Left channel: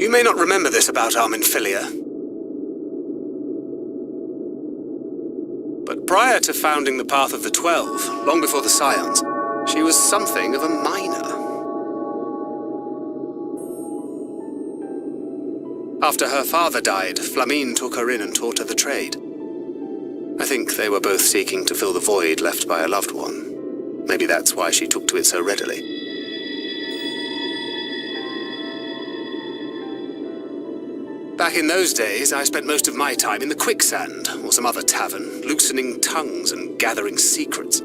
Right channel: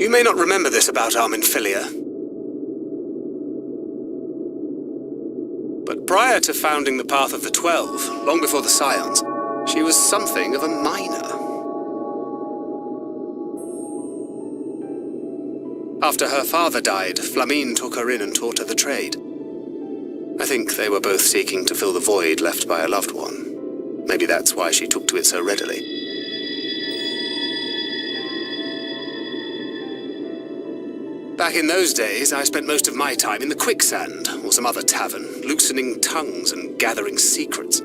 You may not remember this about Arminfilia, but prior to founding the Path of the 12, long before the Scions, she was something of a miner. After her father died, Flamine took her in and taught her the trade. I think they were both seeking to fill the void left by a loved one. Maybe that's why she took to it so readily. Back in those days, I spent most of my time in the Quicksand, or some other tavern, loosening tongues and gathering secrets.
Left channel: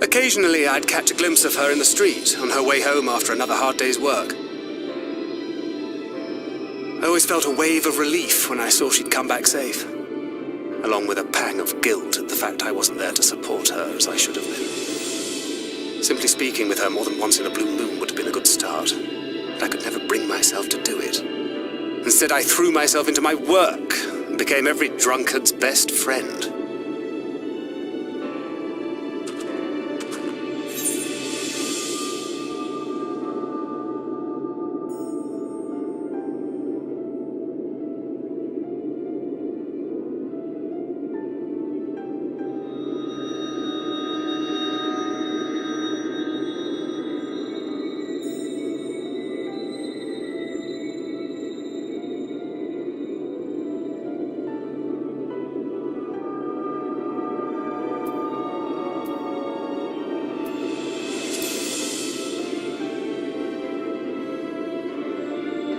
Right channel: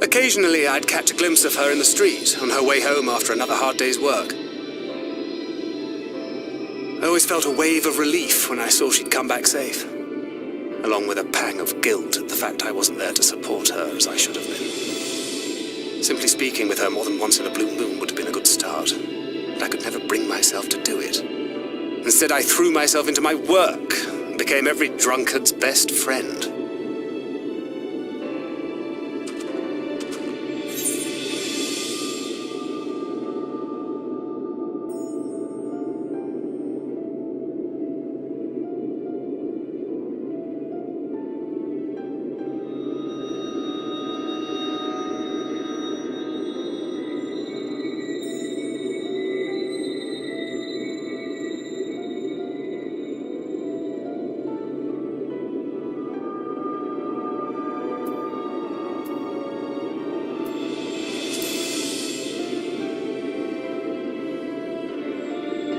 Occasionally, I'd catch a glimpse of her in the street, on her way home after another hard day's work. I always felt a wave of relief when I saw she'd come back safe, along with a pang of guilt at the fact I wasn't there to support her as I should have been. Simply speaking with her more than once in a blue moon would have been a good start, but I could never bring myself to do it. Instead, I threw myself into my work and became every drunkard's best friend.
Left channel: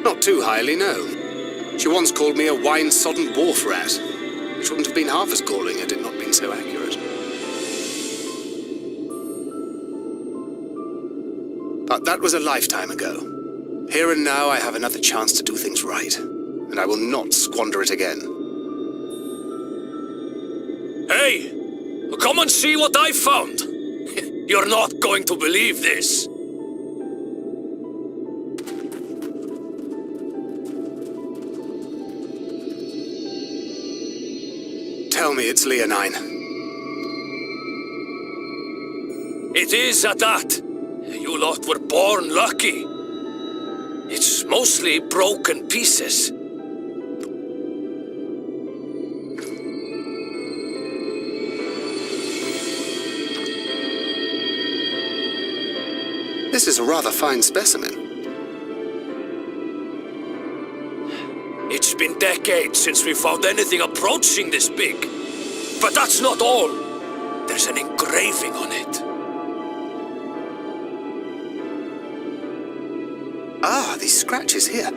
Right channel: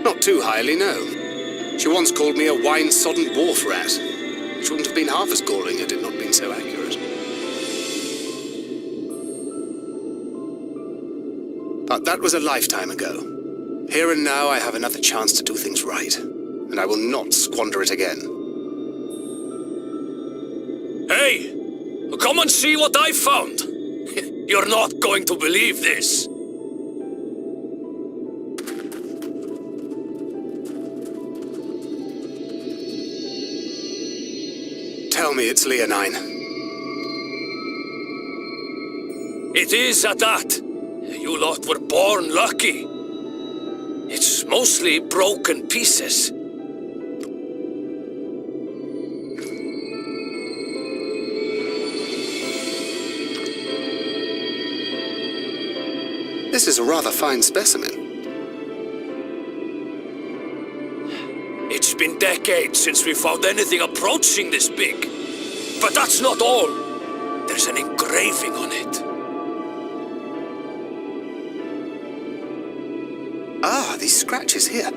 Not too highly, no. She once called me a wine-sodden wharf rat, which wouldn't have been half as galling had it not been so accurate. But that was a lifetime ago. Here and now I have another chance to do things right, and I will not squander it again. Hey! Come and see what I found! You're not going to believe this! Tell me it's Leonine. It is at that. You lot were born lucky. It's mostly broken pieces. This is a rather fine specimen. It's been decades since we found anything approaching this big. But that's not all. There's an engraving on it. Ah, these scratches here.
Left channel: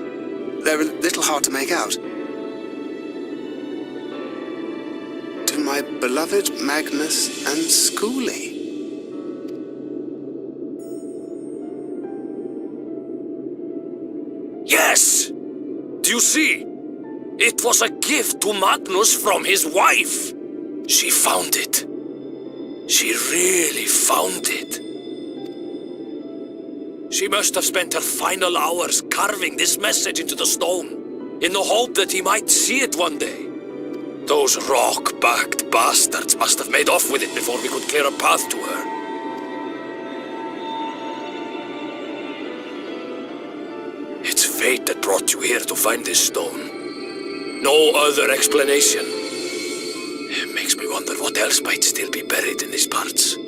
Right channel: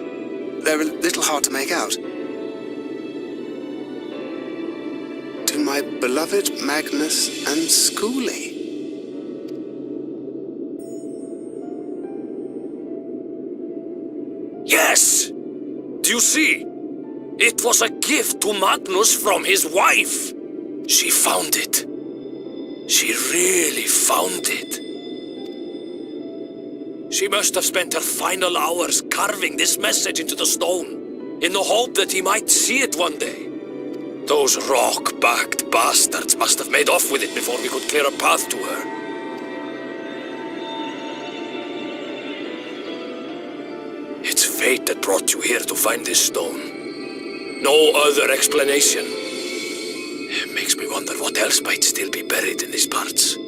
They're a little hard to make out. To my beloved Magnus and Schoolie. Yes! Do you see? It was a gift to Magnus from his wife. She found it. She really found it. She must have spent her final hours carving this message into the stone, in the hope that he might see it one day. Those rock-backed bastards must have made off with it before we could clear a path to her. It's fate that brought you here to find this stone. No other explanation. It makes me wonder what else might still be buried in these parts.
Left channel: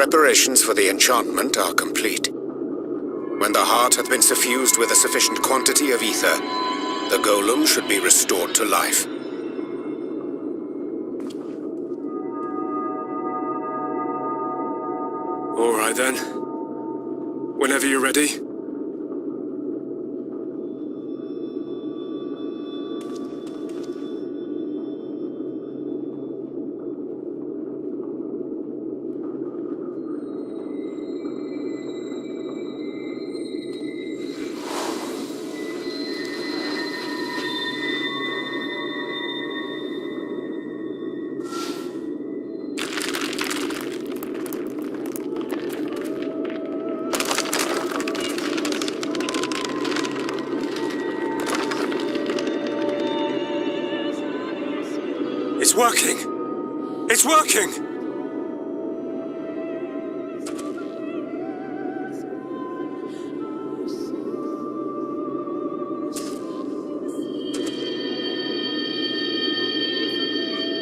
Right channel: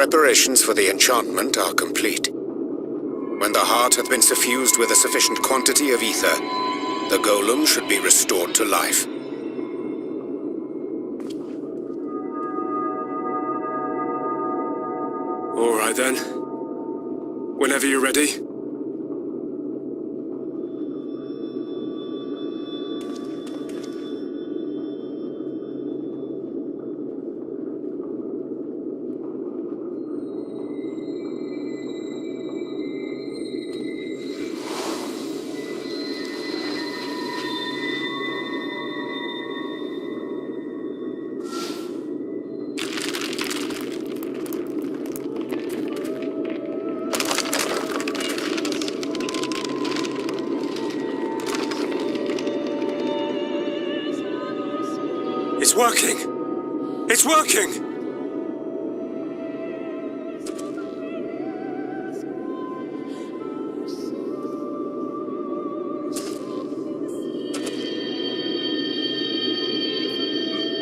preparations for the enchantment are complete. When the heart hath been suffused with a sufficient quantity of ether, the golem should be restored to life. All right then. Whenever you're ready. It's working! It's working!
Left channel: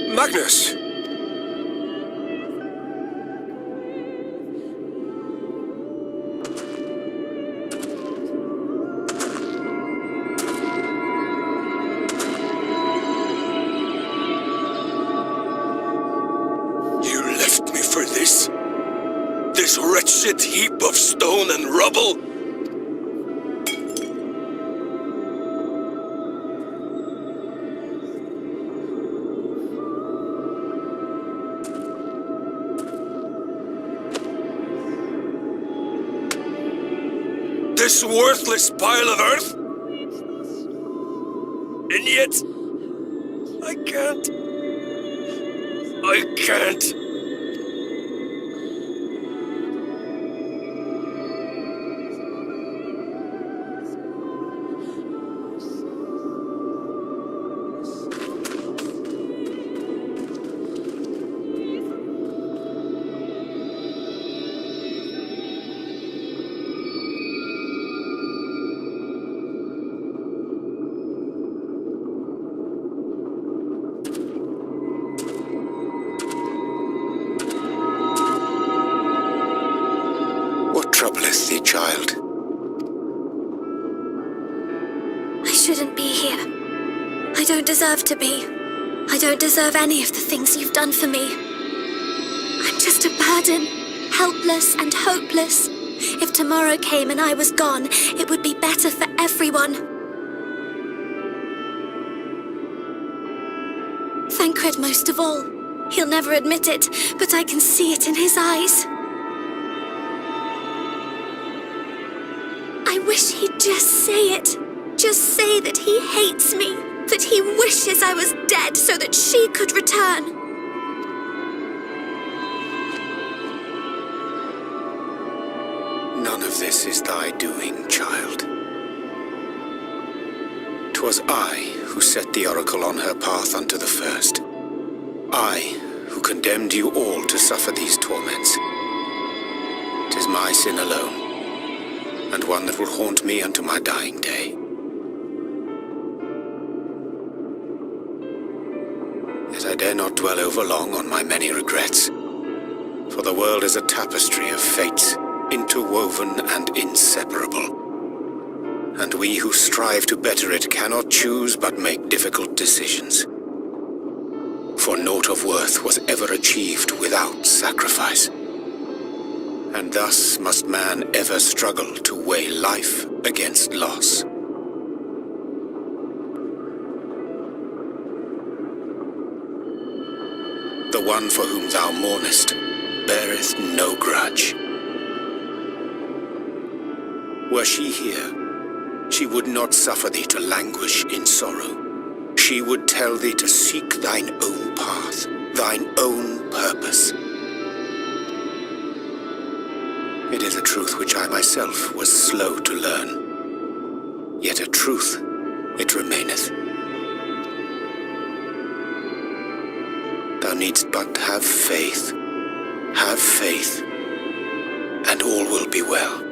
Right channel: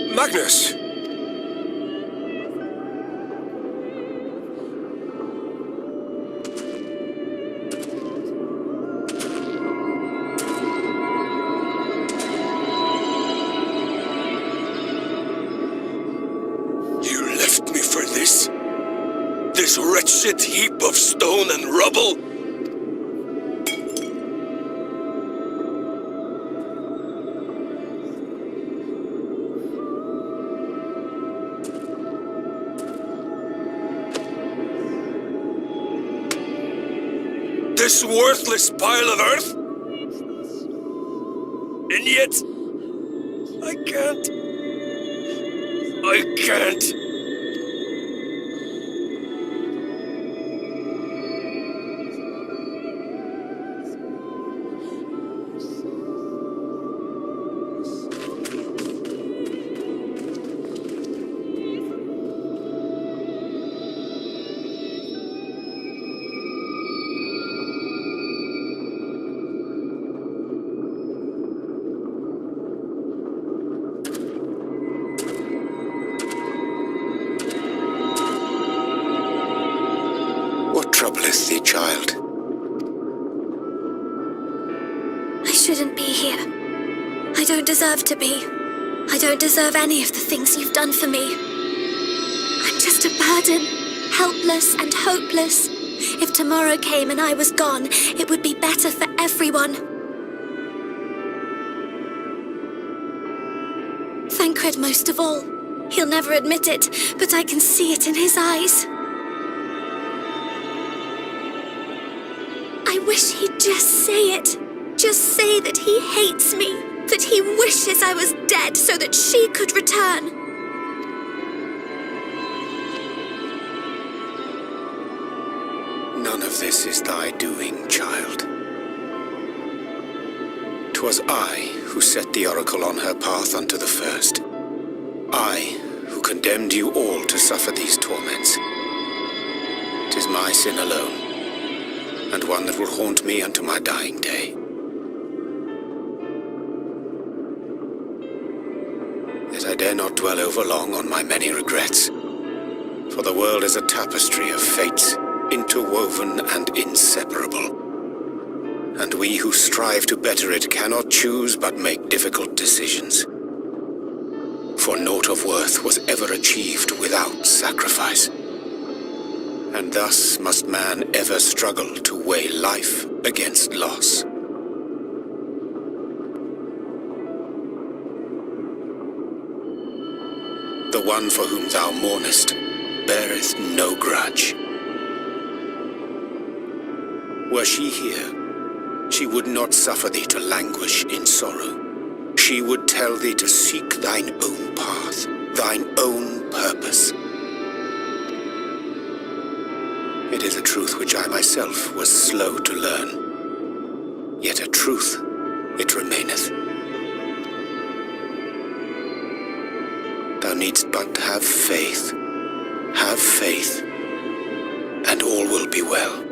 Magnus! For this? This wretched heap of stone and rubble? This worthless pile of earth? And yet, I can't. What troubleth thee, child? I shouldn't be here. I don't deserve to be. I don't deserve any of the things you've done for me. I'm just a burden, helpless and hopeless. If tomorrow came and I was gone, it would be better for everyone. Thancred most of all. He'll never admit it, but I can see it in his eyes. I wish he'd just say it. Just say that he hates me, that he wishes I was dead so that she could return. None of this is thy doing, child. 'Twas I who set the oracle on her path unto the first. I who condemned you all to suffer these torments. 'Tis my sin alone, and one that will haunt me unto my dying day. Yet I dare not dwell overlong on my many regrets, for the world is a tapestry of fates, interwoven and inseparable. And we who strive to better it cannot choose but make difficult decisions. For naught of worth was ever achieved without sacrifice. And thus must man ever struggle to weigh life against loss. The one for whom thou mournest beareth no grudge. Were she here, she would not suffer thee to languish in sorrow. She would tell thee to seek thine own path, thine own purpose. It is a truth which I myself was slow to learn. Yet a truth it remaineth. Thou needst but have faith, and all will be well.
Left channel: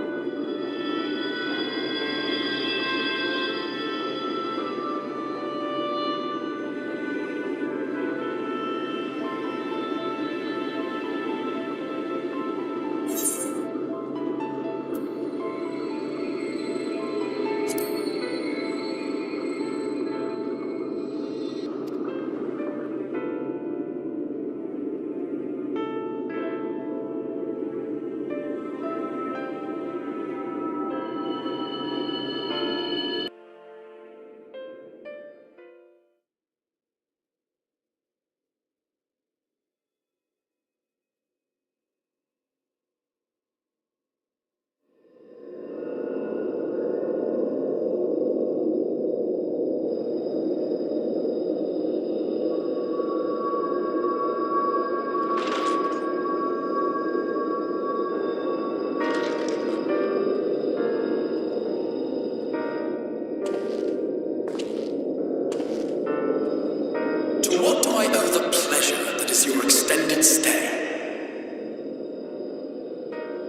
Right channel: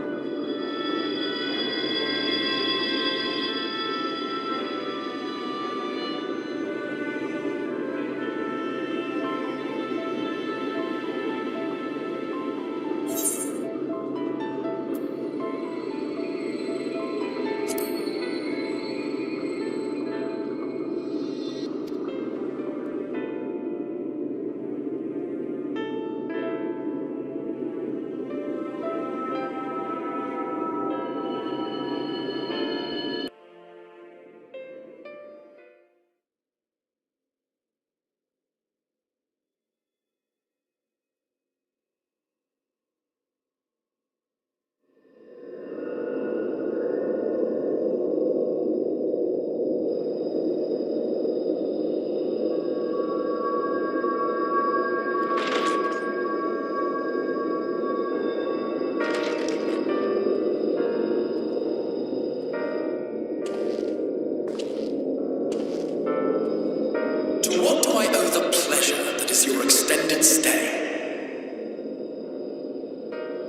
To what do I owe the pleasure that is your extended stay?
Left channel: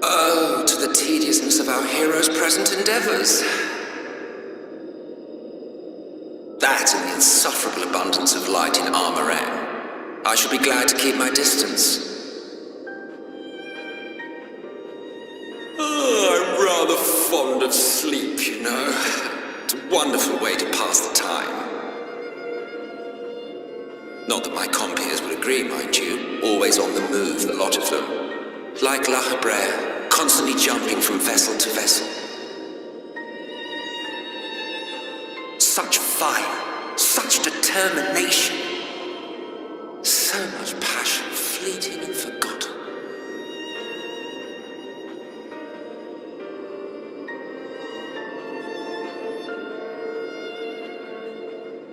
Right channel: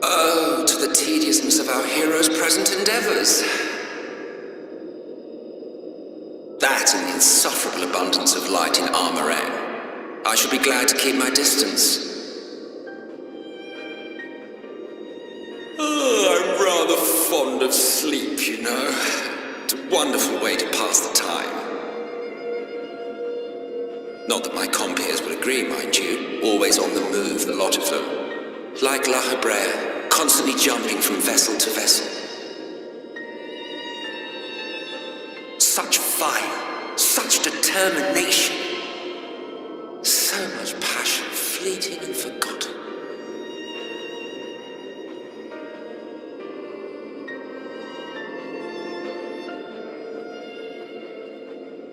Oh, to the tediousness of our hero's present endeavors. That and the insufferable abundance of light in Armorang. I should be glad to keep my distance. Oh, I'm rather fond of sleep, you know. It's a wonderful way to pass the time. Not that my compeers would agree, mind you. Always on the move, the lot of them. Like La Habrère, constantly jumping from vessel to vessel. Such fire, such determination. So much passion, fleeting and forgotten.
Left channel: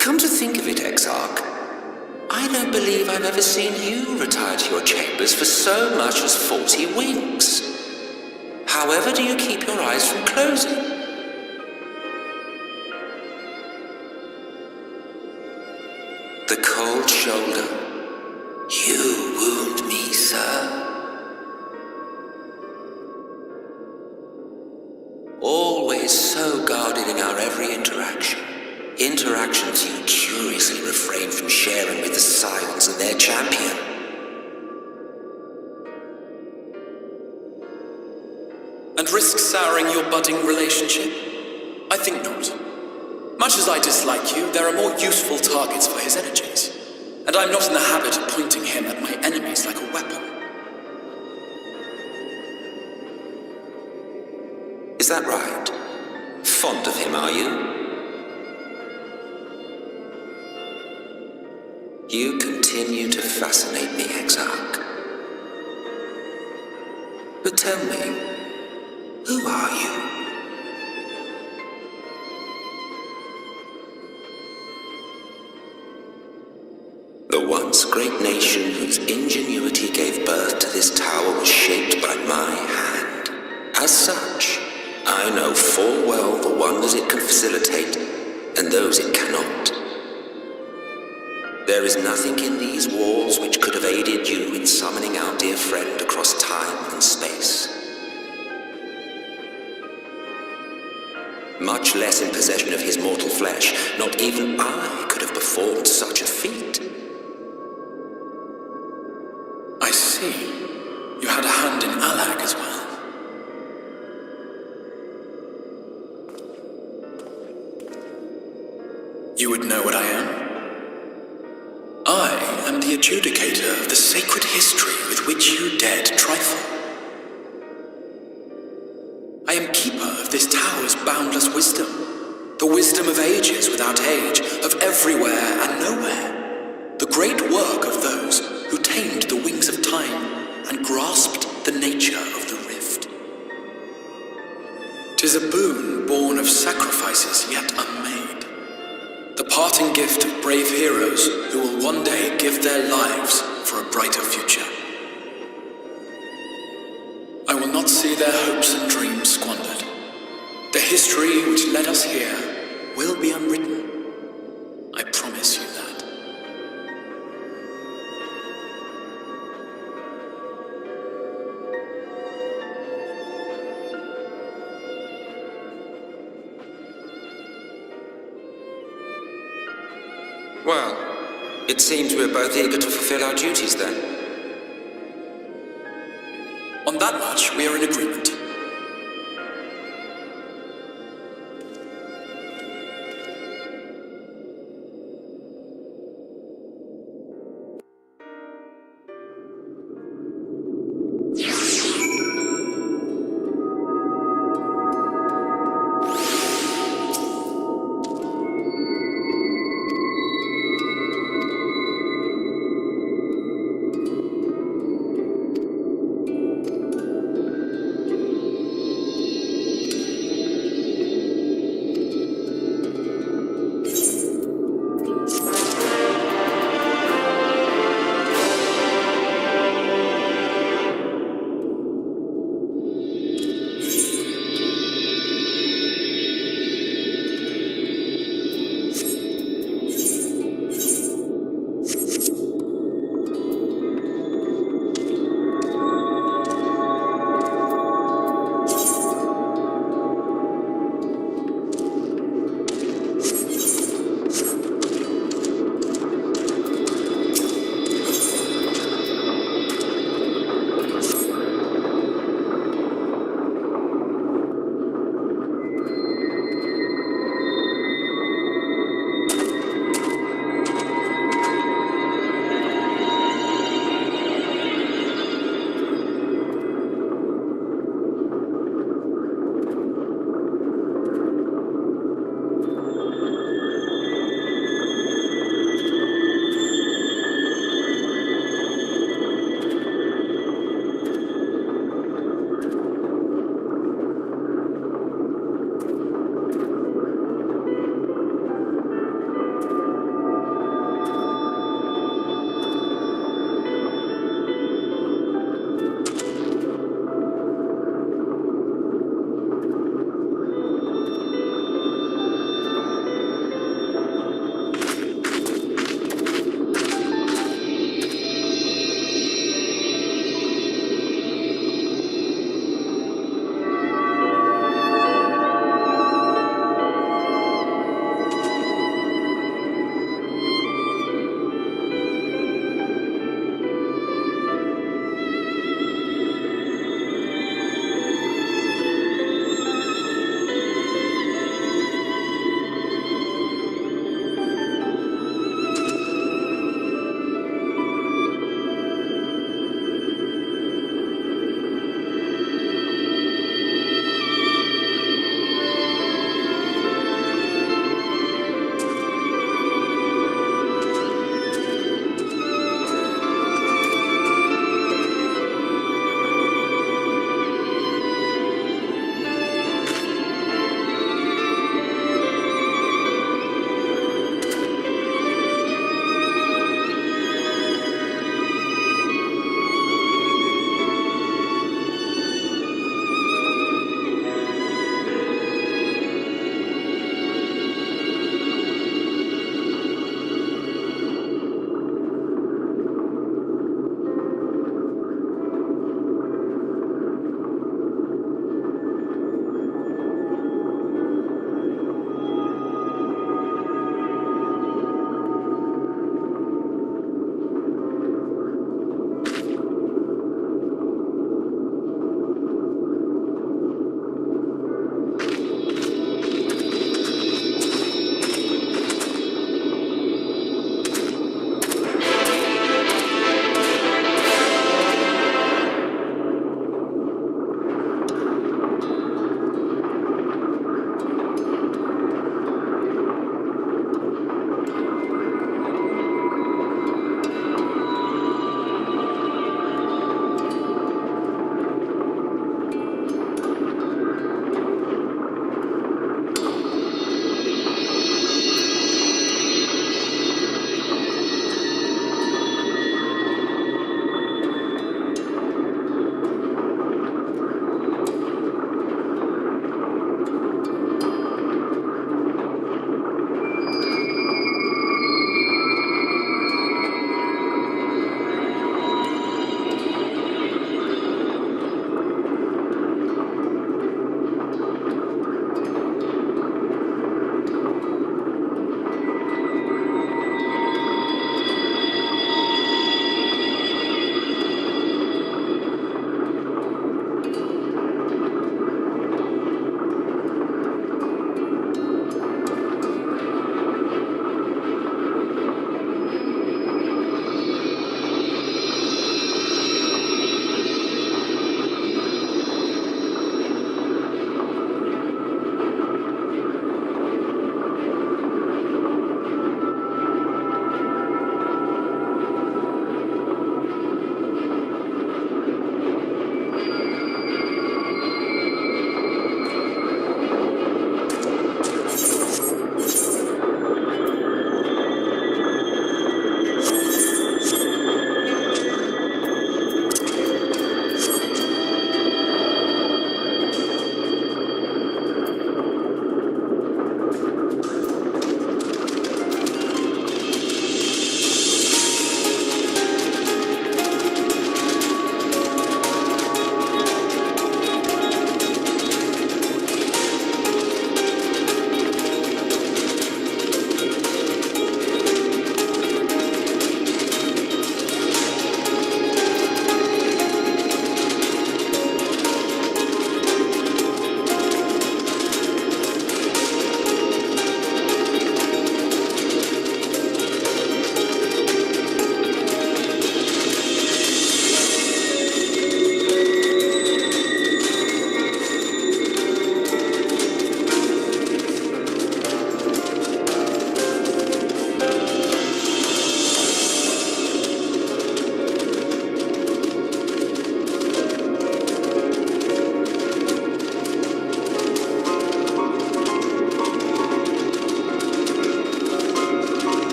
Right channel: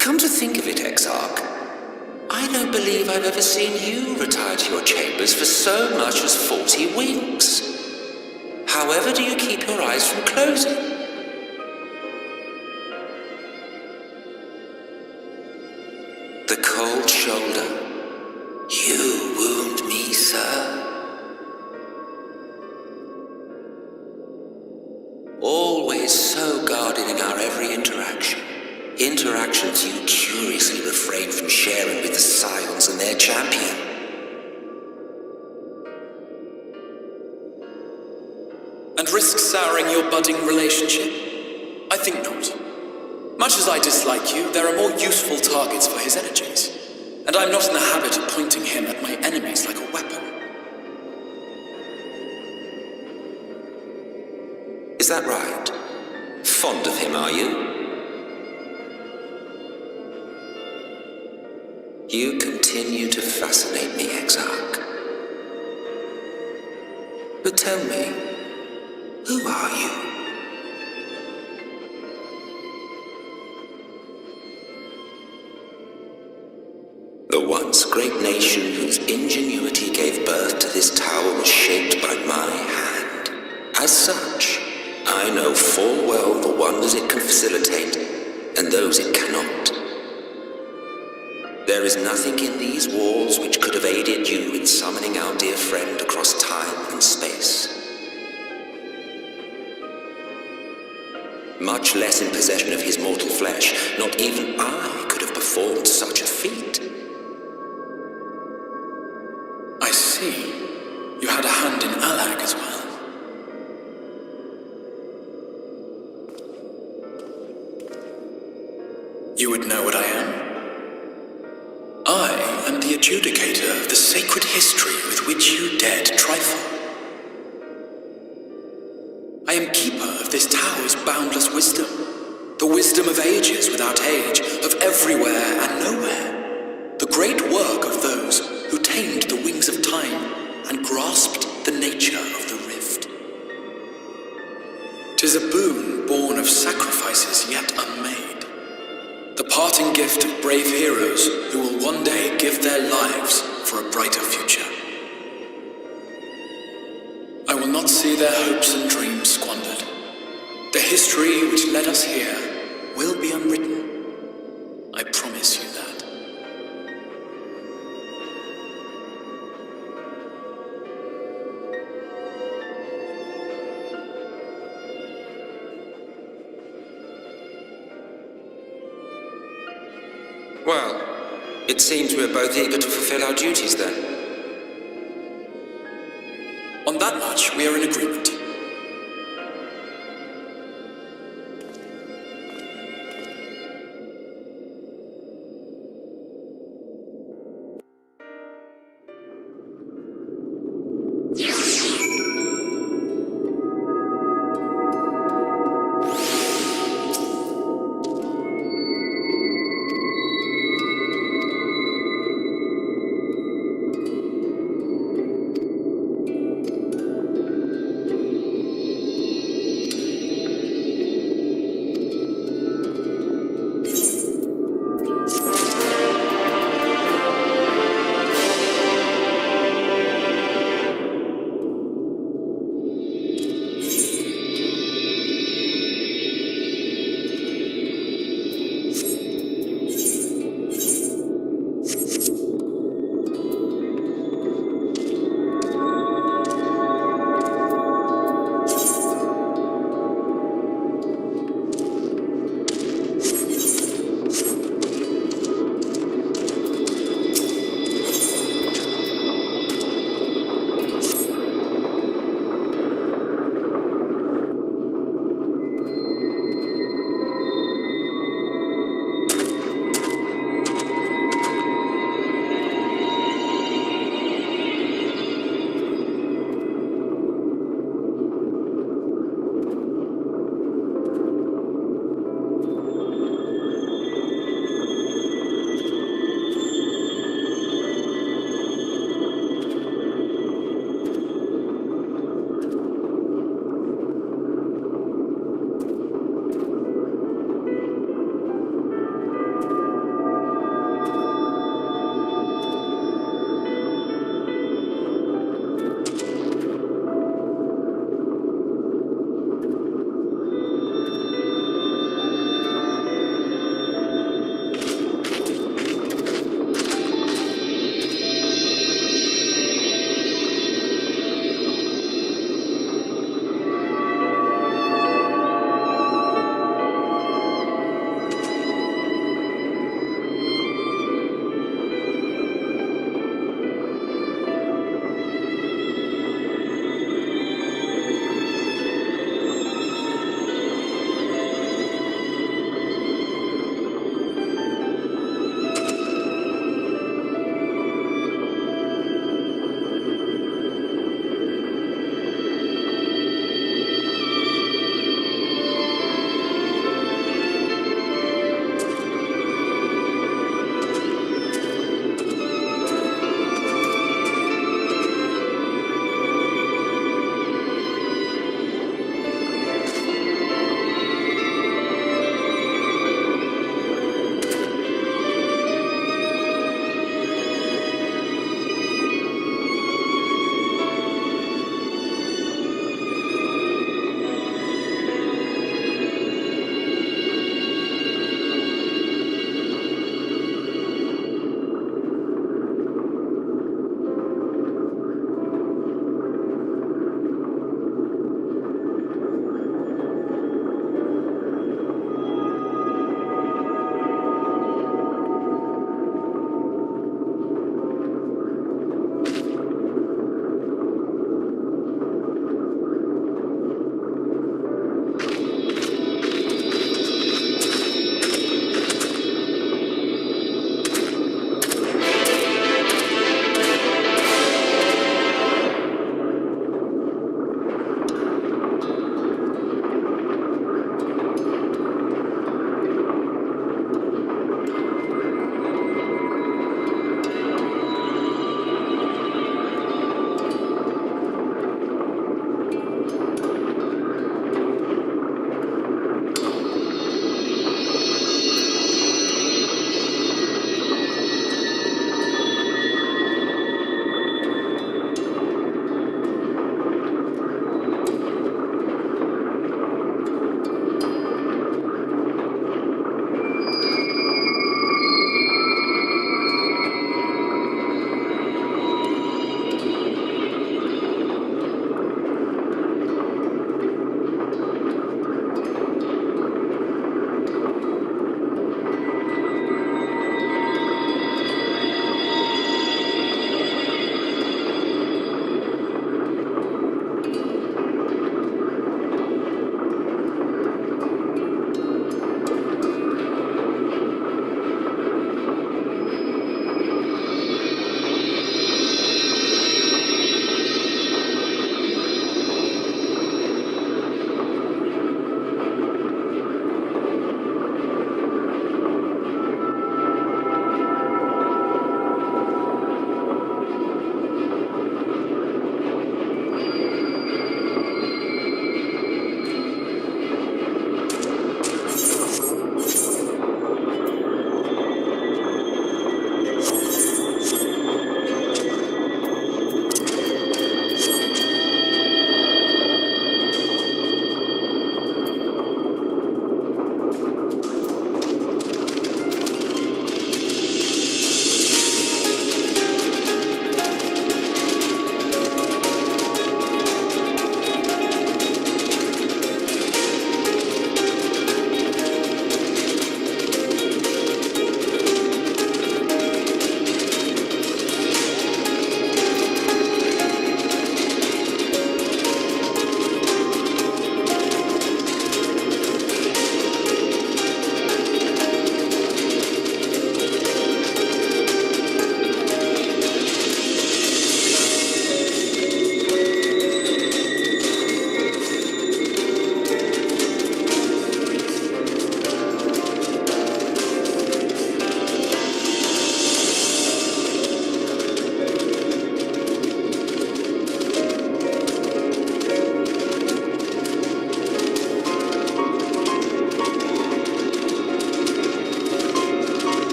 Come to think of it, Exarch, I don't believe I've ever seen you retire to your chambers for so much as 40 winks. However do you keep your eyes from closing? The cold shoulder. You wound me, sir. Always so guarded in our every interaction. Interactions you curiously refrain from sharing with the Scions and their champion. And risk souring your budding relationship? I think not. Much as I dislike you, there are more useful targets for his energies. And I'm not in the habit of pointing him at my enemies like a weapon. Is that right? Fond of him, are you? You continue to fascinate me, Exarch. But tell me, who are you? The once great nation whose ingenuity gave birth to this tower was shaped by my hand. As such, I know full well the wonders it can facilitate and those it cannot. There is nothing in these walls which could have aided you in summoning our dear friend across time and space. Much less in possession of his mortal flesh, not even I could have performed such a feat. I see. You had a hand in Alak as well. You would know what I am? I am the adjudicator of the sacred history with which you dared trifle. I am keeper of this tower's boundless wisdom, the wisdom of ages without age, of everywhere and nowhere, the great work of those who tamed the wings of time and grasped the nature of the rift. 'Tis a boon born of sacrifices yet unmade, the parting gift of brave heroes who will one day give their lives for a brighter future. I will not see their hopes and dreams squandered. The history which led us here will be unwritten. I promise you that. Well, it seems we're both eager to fulfill our duties then. On that much, we are in agreement.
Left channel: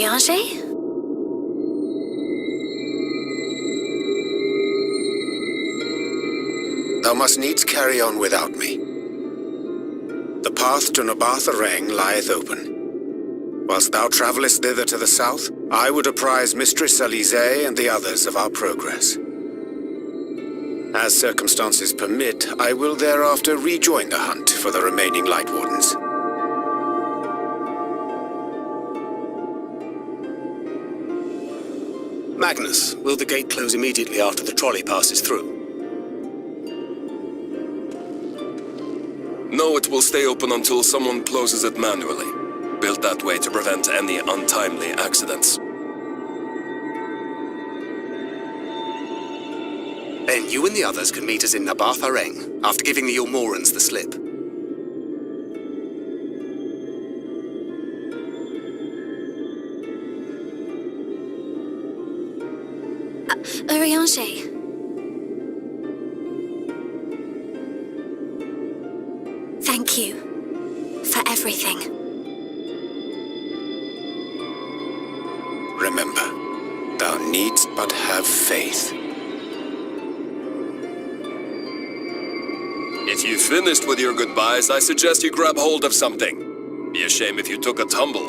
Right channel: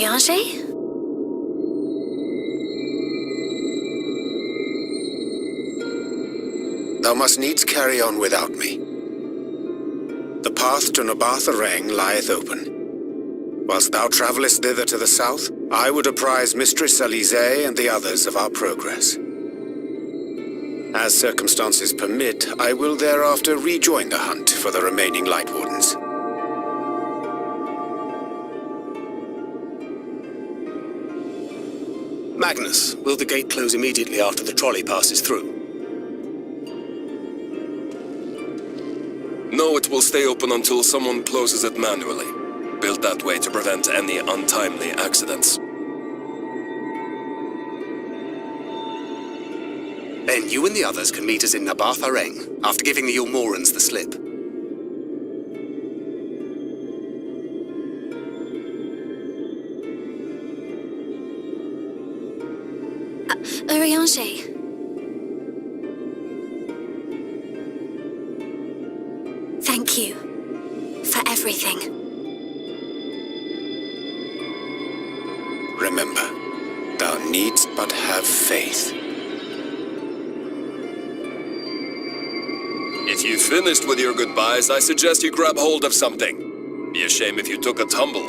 Urianger? Thou must needs carry on without me. The path to Nabarth Areng lieth open. Whilst thou travellest thither to the south, I would apprise Mistress Alize and the others of our progress. As circumstances permit, I will thereafter rejoin the hunt for the remaining Light Wardens. Magnus, will the gate close immediately after the trolley passes through? No, it will stay open until someone closes it manually. Built that way to prevent any untimely accidents. Then you and the others can meet us in Nabarth Areng, after giving the Ilmorans the slip. Urianger. Thank you for everything. Remember, thou needst but have faith. If you've finished with your goodbyes, I suggest you grab hold of something. Be a shame if you took a tumble.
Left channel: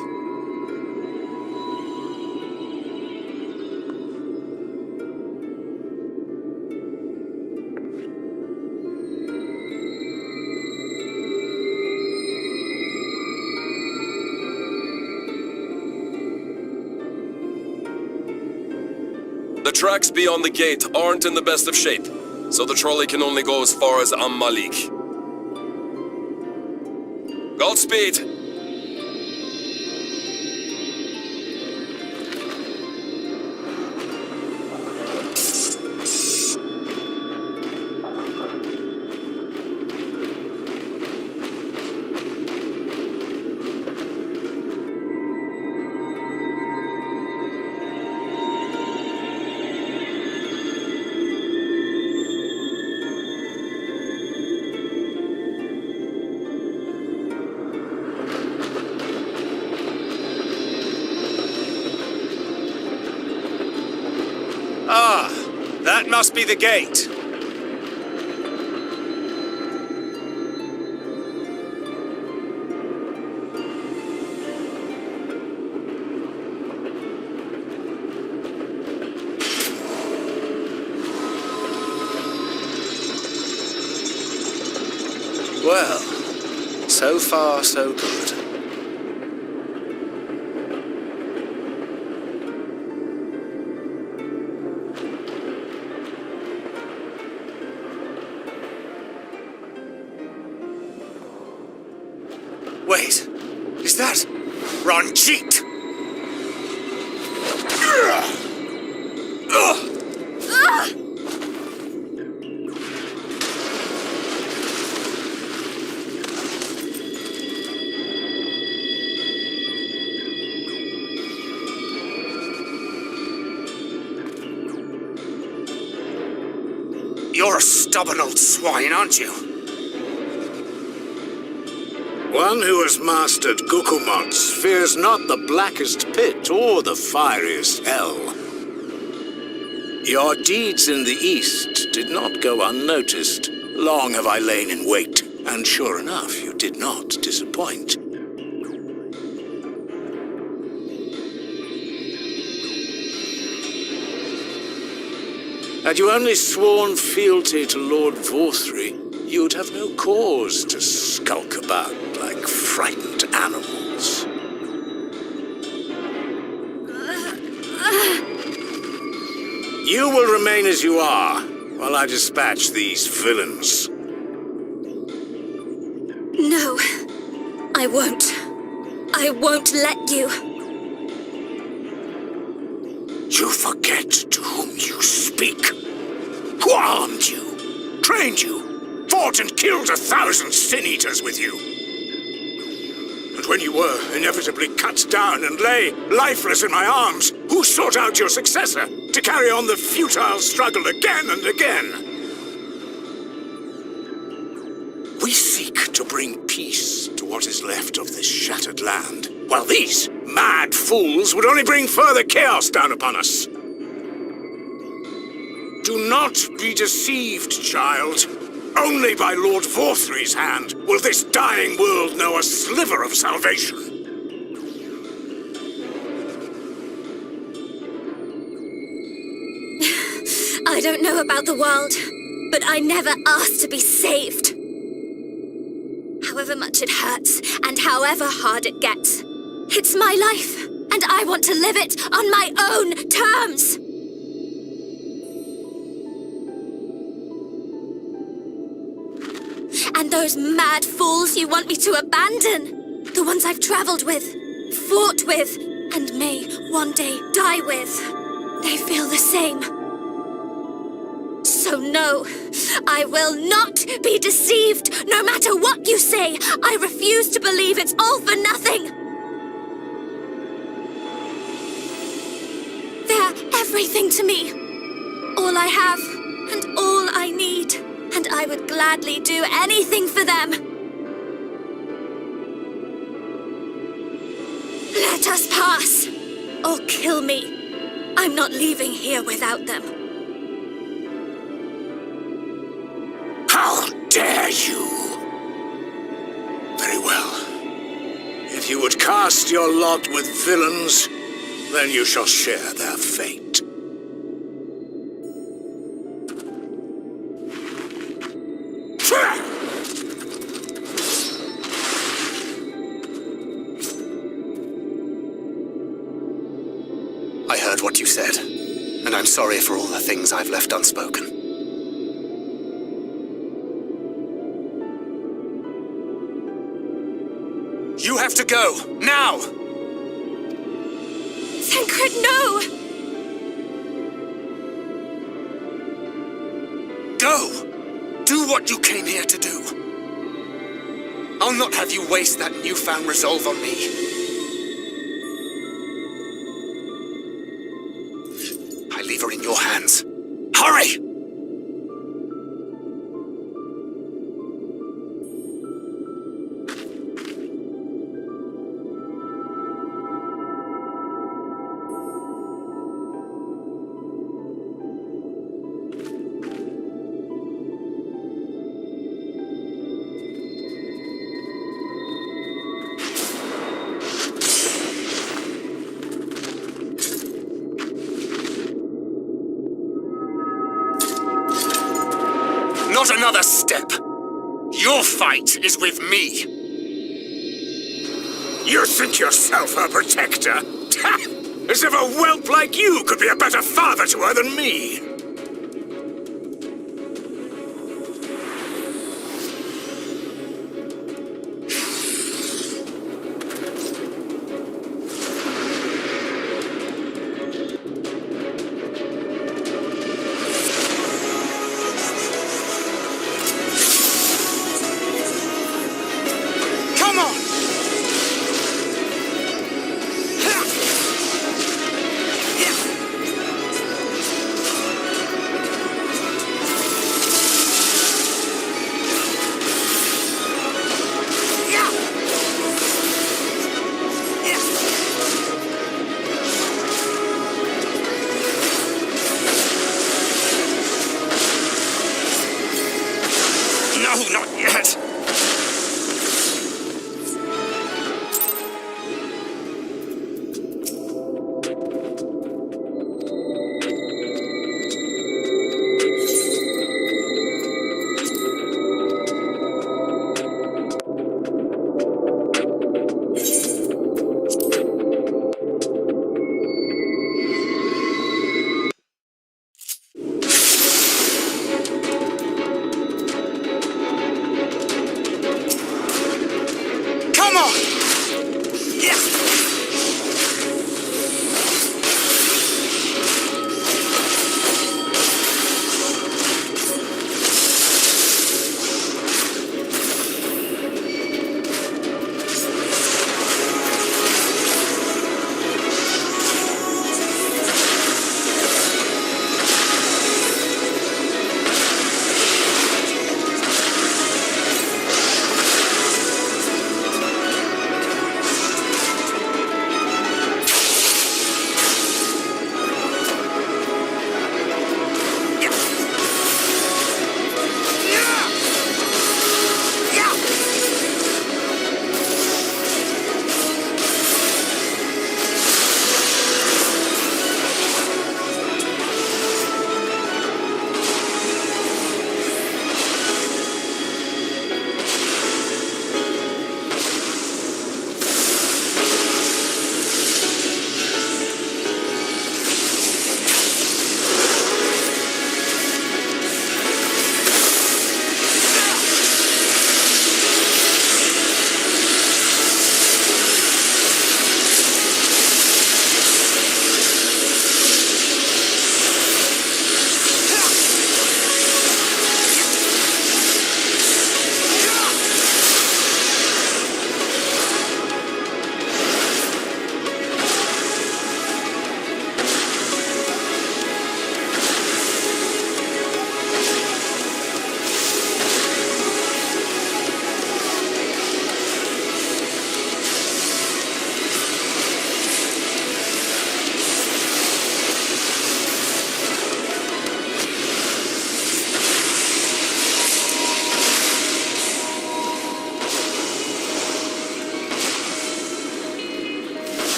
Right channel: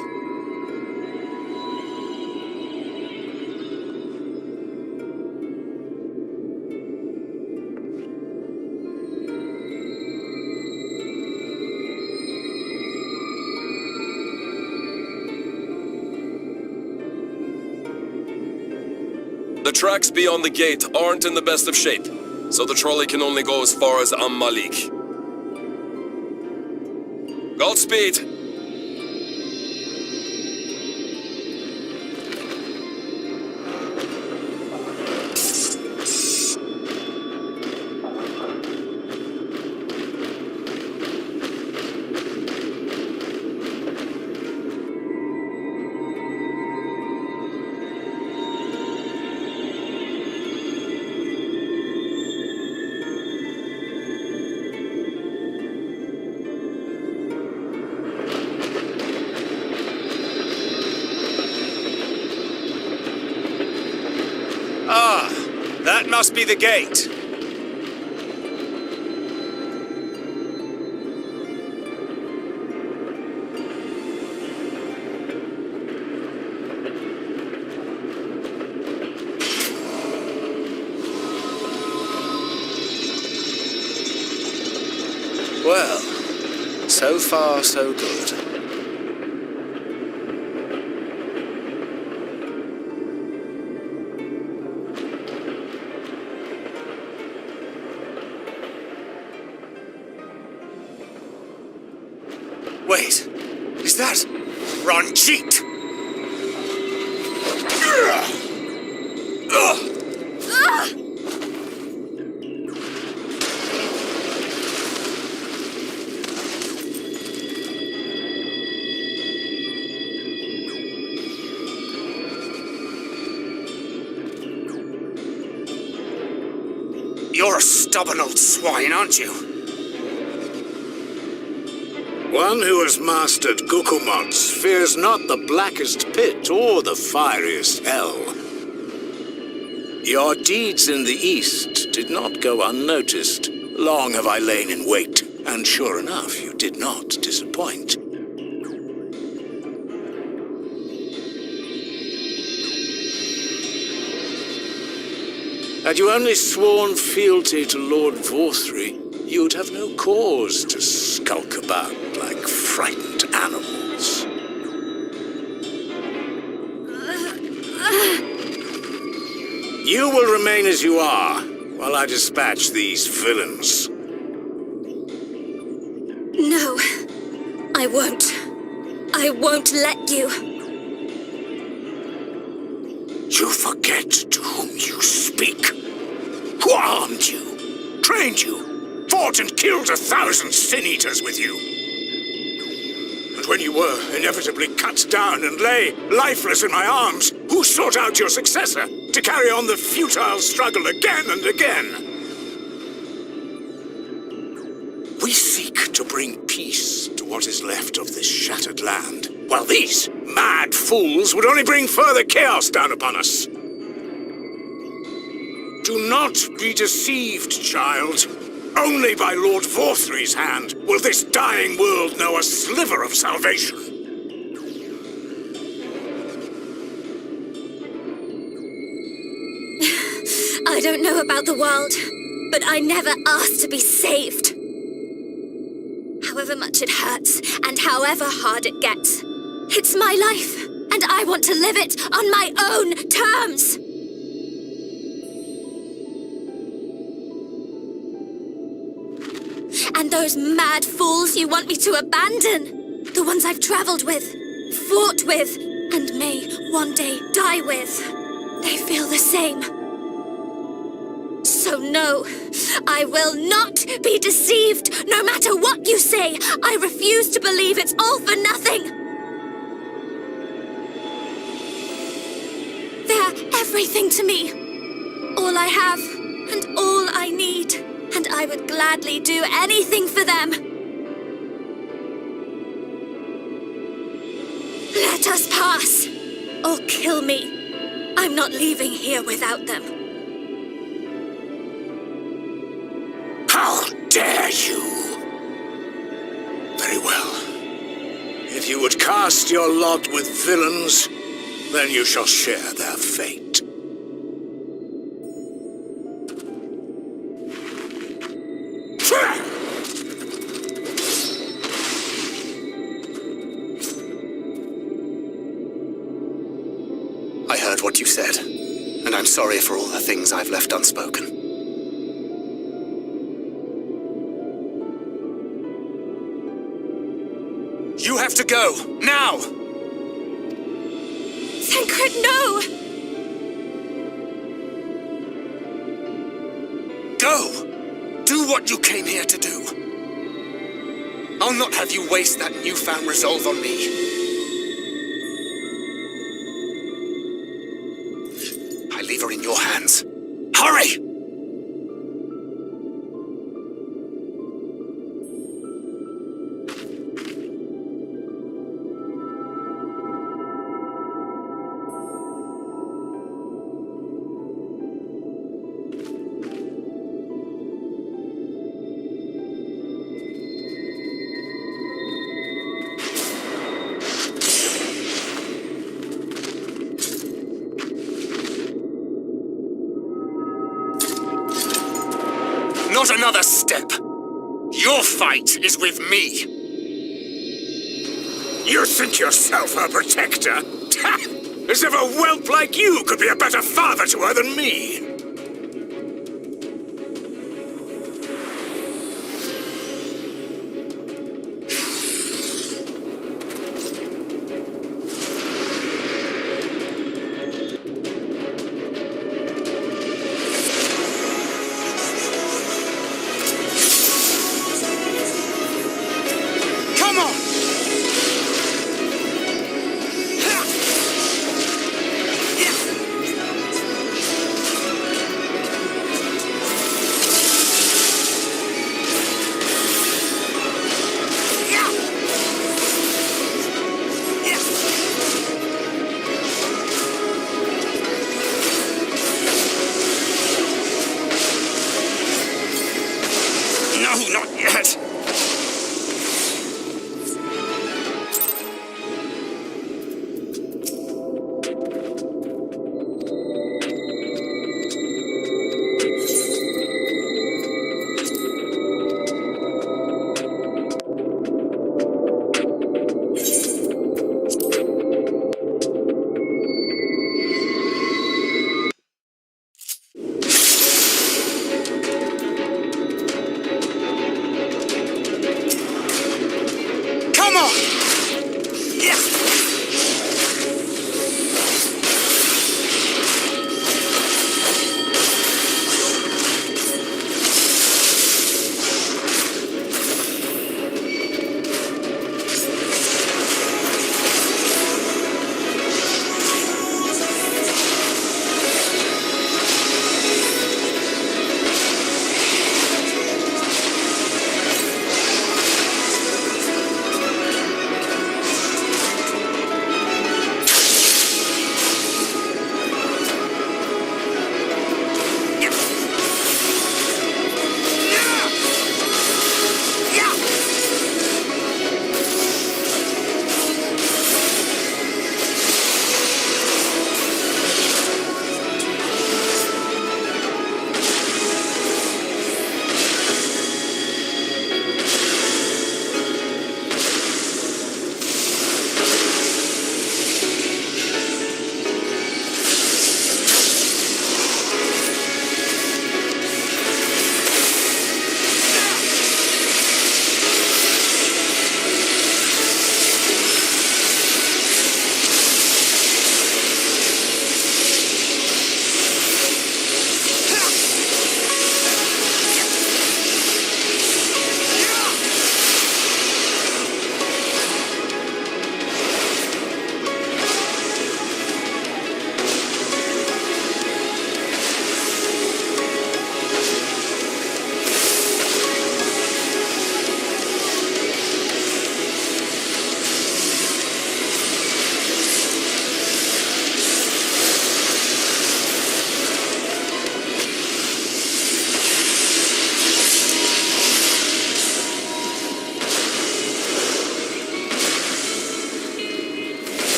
The tracks beyond the gate aren't in the best of shape, so the trolley can only go as far as Malik. Godspeed! Ah, that must be the gate. Well, so far so good. Wait, is that Ranjit? You're a stubborn old swine, aren't you? One who has mastered Gukumots fears not the blackest pit or the fieriest hell. Your deeds in the east did not go unnoticed. Long have I lain in wait, and sure enough, you did not disappoint. Had you only sworn fealty to Lord Vorthry, you'd have no cause to skulk about like frightened animals. You will remain as you are, while I dispatch these villains. No, I won't. I won't let you. You forget to whom you speak. Who armed you, trained you, fought and killed 1,000 sin-eaters with you. And when you were inevitably cut down and lay lifeless in my arms, who sought out your successor to carry on the futile struggle again and again? We seek to bring peace to what is left of this shattered land, Well, these mad fools would only bring further chaos down upon us. Do not be deceived, child. Only by Lord Vorthry's hand will this dying world know a sliver of salvation. I don't know about the world, but I never asked to be saved. However much it hurts, and however hard it gets, it's my life, and I want to live it on my own terms. And those mad fools you want me to abandon, the ones I've traveled with, fought with, and may one day die with, they feel the same. So no, I will not be deceived, no matter what you say. I refuse to believe it's all for nothing. They're everything to me. All I have, and all I need. And I would gladly do anything for them. Let us pass, or kill me. I'm not leaving here without them. How dare you! Very well. If you would cast your lot with villains, then you shall share their fate. I heard what you said, and I'm sorry for all the things I've left unspoken. You have to go, now! Thancred, no! Go! Do what you came here to do. I'll not have you waste that newfound resolve on me. I leave her in your hands. Hurry! Not another step. Your fight is with me. You think yourself her protector? As if a whelp like you could be a better father to her than me. Come on! No, not yet.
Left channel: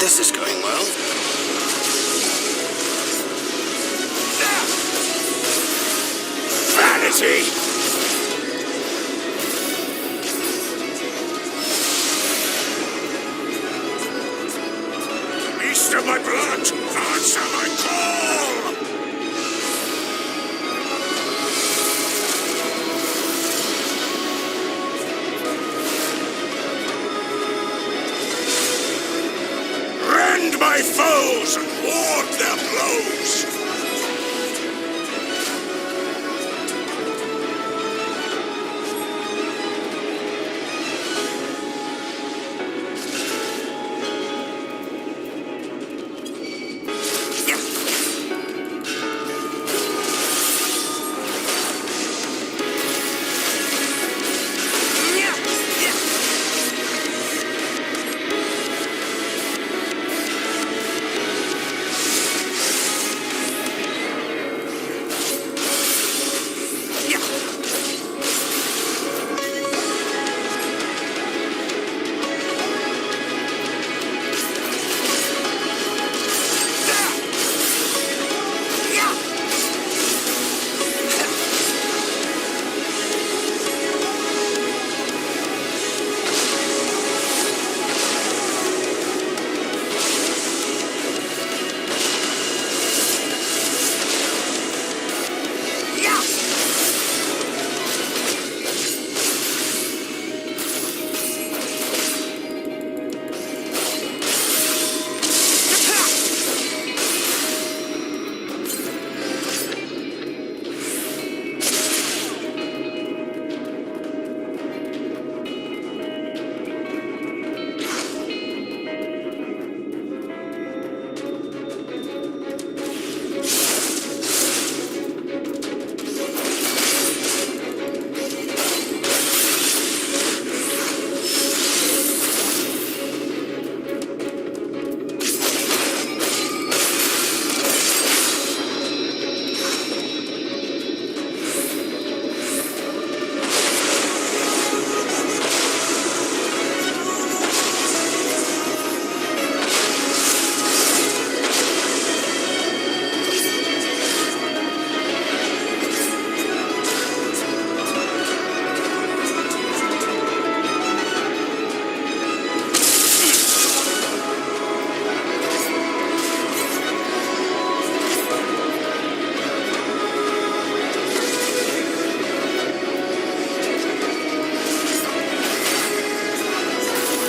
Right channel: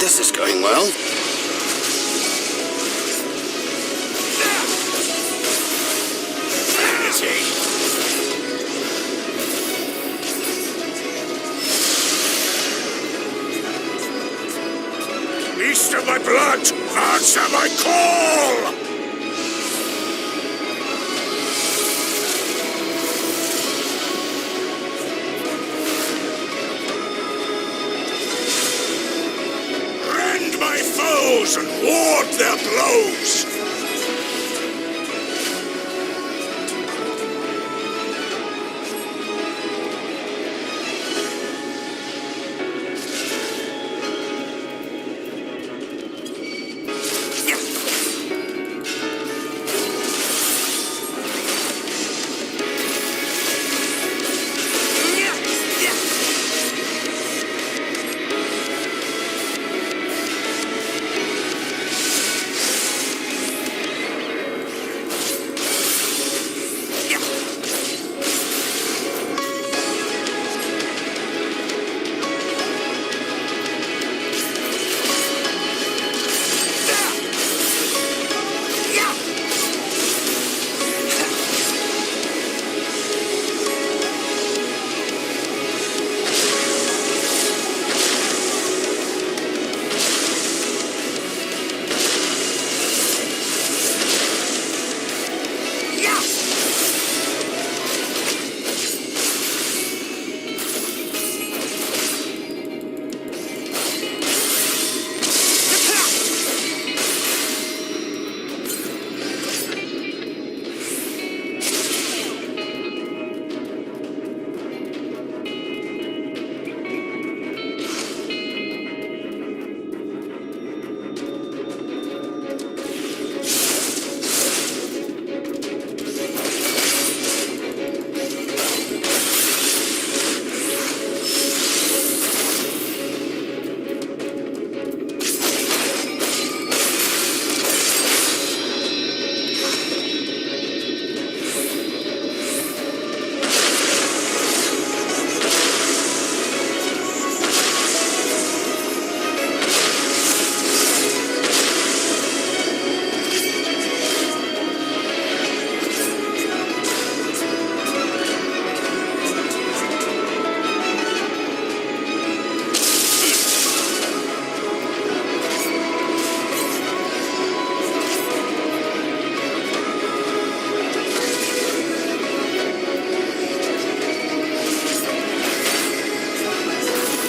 This is going well. Vanity! Beast of my blood, answer my call! Rend my foes and ward their blows!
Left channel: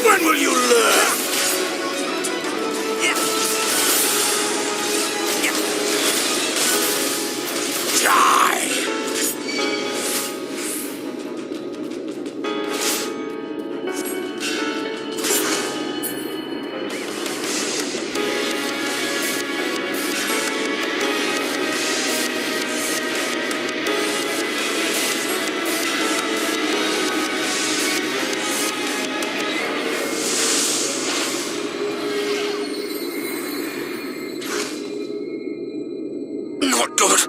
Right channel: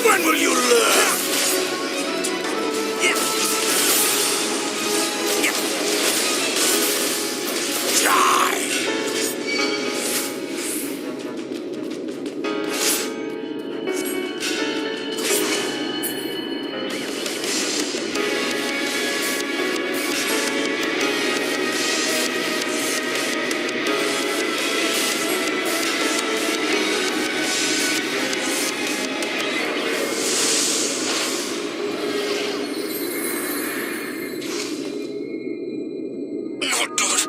When will you learn? Die! Not good.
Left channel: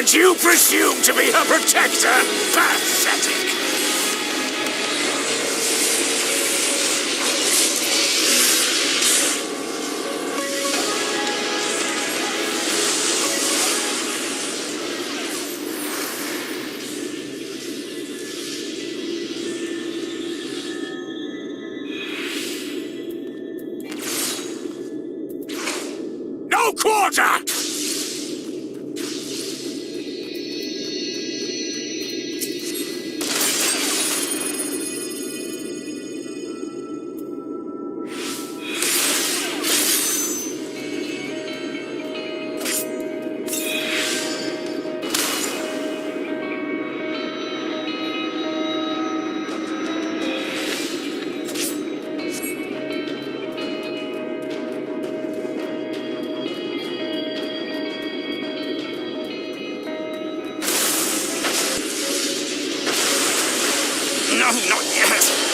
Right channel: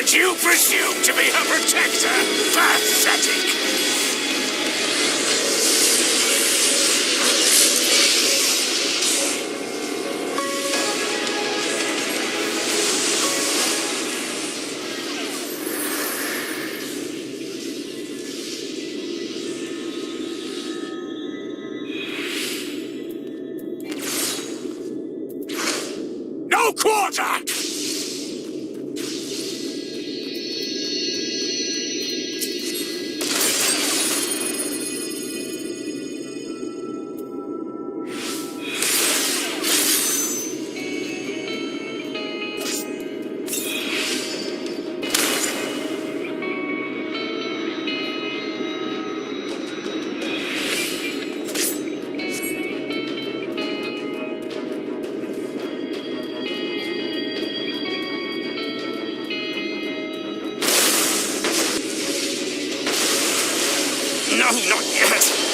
And you presume to be her protector? Pathetic! No quarter! No, not yet.